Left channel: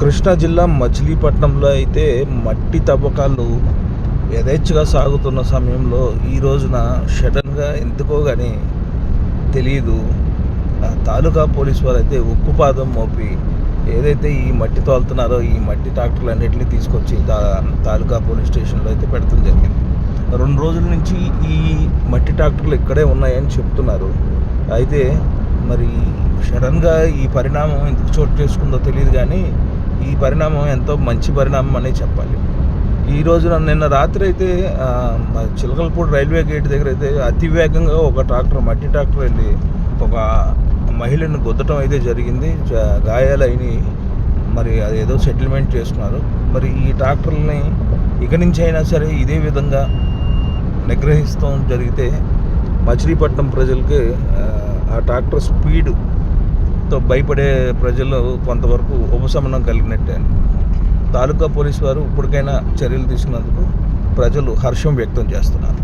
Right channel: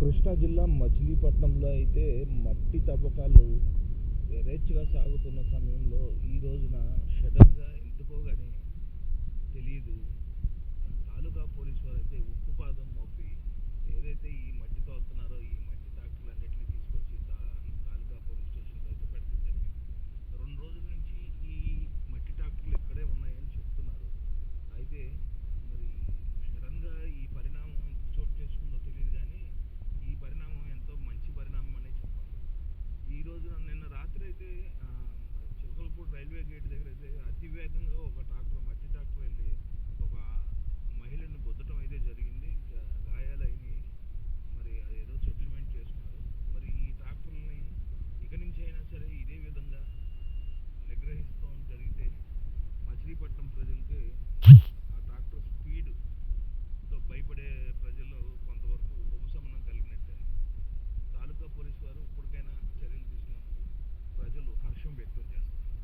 కృష్ణా జిల్లా మచిలీపట్నంలో అయితే మట్టి తవ్వకాలు యథేచ్ఛగా సాగుతున్న సమయంలో ఈ రోజున సడన్గా ఎందుకో కానీ తెలియదు ఆ తాలూకా పోలీస్ వారు అయితే ఉక్కుపాదం మోపి ఏదైతే ఈ మట్టి తోలుతున్నారో ఈ మట్టి ట్రాక్టర్లు అన్నింటినీ తీసుకొచ్చి తా తాలూకా పోలీస్ స్టేషన్లో అయితే పెడతాం జరిగింది. రెండు రోజుల నుంచి ఈ మట్టి ట్రాక్టర్లు ఇక్కడే ఉన్నాయని చెప్తున్నారు. అయితే మరి సడన్గా ఈ పరిణామం ఎందుకు చోటు చేసుకుందో తెలియదు కానీ ఈ పరిణామం ఎంతో మంచి పరిణామం అనే చెప్పాలి. ఈ రోజున నిన్న రాత్రి అయితే చిలకలపూడి రైల్వే గేట్ దగ్గర అయితే అతి వేగంగా ఒక ట్రాక్టర్ మట్టి ట్రాక్టర్ వెళ్ళి ఒక మహిళను గుద్దటం అయితే జరిగింది. గాయాలైన మరి అదేదో సెటిల్మెంట్ చేస్తున్నారు. మరి ఈ ట్రాక్టర్లని ఇక నుంచి అయినా సరే ఇదే విధంగా నిగ్రహిస్తాం జరిగితే మచిలీపట్నం ప్రజలకి ఆ, ట్రాక్టర్ స్పీడ్ స్పీడ్తో భయపడే ప్రజలు కొంతవరకు ఉపశమనం కలిగినట్టే. తాలూకా పోలీసు వారు ఇప్పటికైనా చర్యలు తీసుకున్నందుకు ప్రజలు హర్షం వ్యక్తం చేస్తున్నారు.